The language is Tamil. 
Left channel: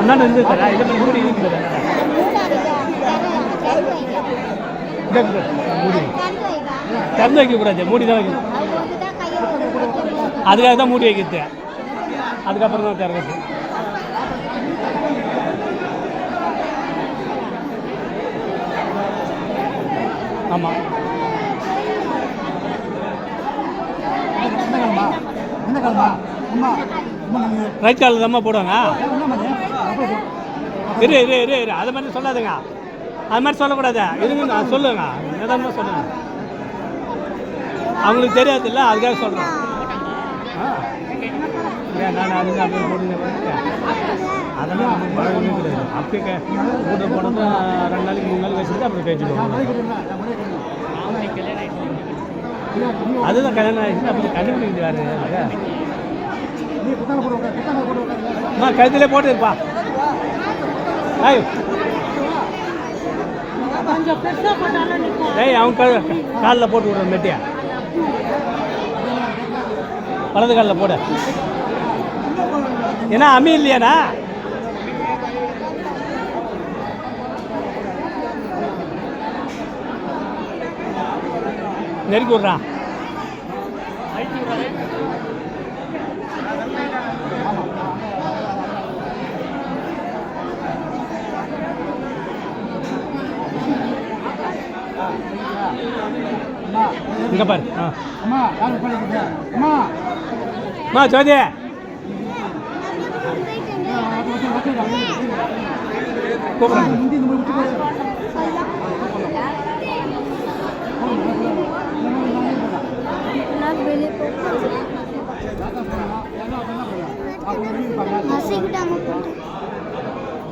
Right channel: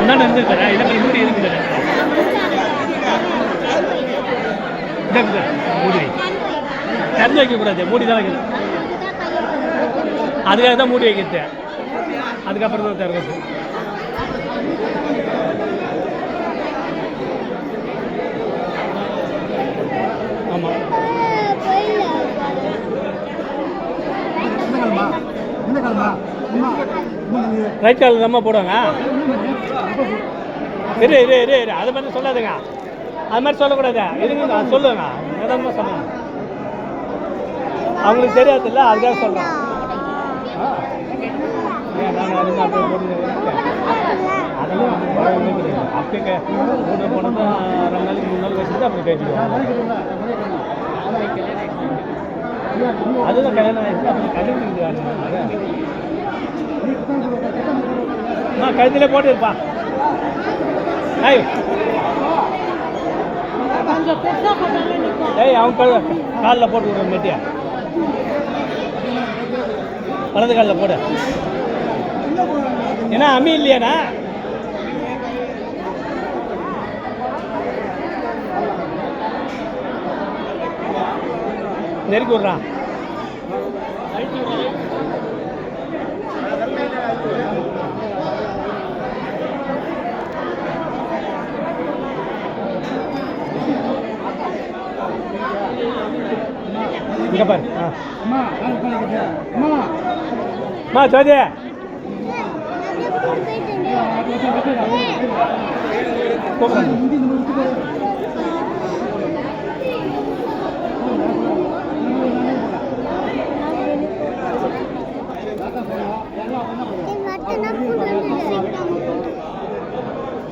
முன்னாடி இருந்துருக்காரா இதை மாதிரி மூடி இருக்குது மூடி திறந்து வைக்கக்கூடாது மூடி தான் வைக்கணும் அதுக்காக தான் மூடி வைக்கிறது அதுக்கப்புறம் தான் திறக்கிறது ஆமாம் ரைட் காலில் தான் போடுவாங்க இரு இரு இரு இரு அது மாதிரி சொல்லாதுங்க அது மாதிரி சொல்லக்கூடாது இருங்க சொல்லுங்க எதாவது சொல்லுங்க அவங்களுக்கு தெரியாதுல்ல அதுக்காக சொல்கிறேன் அதெல்லாம் அப்படியே போனது 2 நாளைக்கு 3 நாள் வச்சுட்டு அப்படி பேசிடுவோம் அதுதான் கல்யாணம் ஆயிடுச்சு அப்படி கல்யாணம் செஞ்சுவாரு கழுத்திலே போட்டு இருப்பா அவன் காலில் போட்டு விடுற மெட்டியா வலது காலில் போட ஏன்னா அம்மி இல்லையாண்ணா நெருக்கி விட்றான் இங்கே பாரு அம்மா ஜோதி முந்தி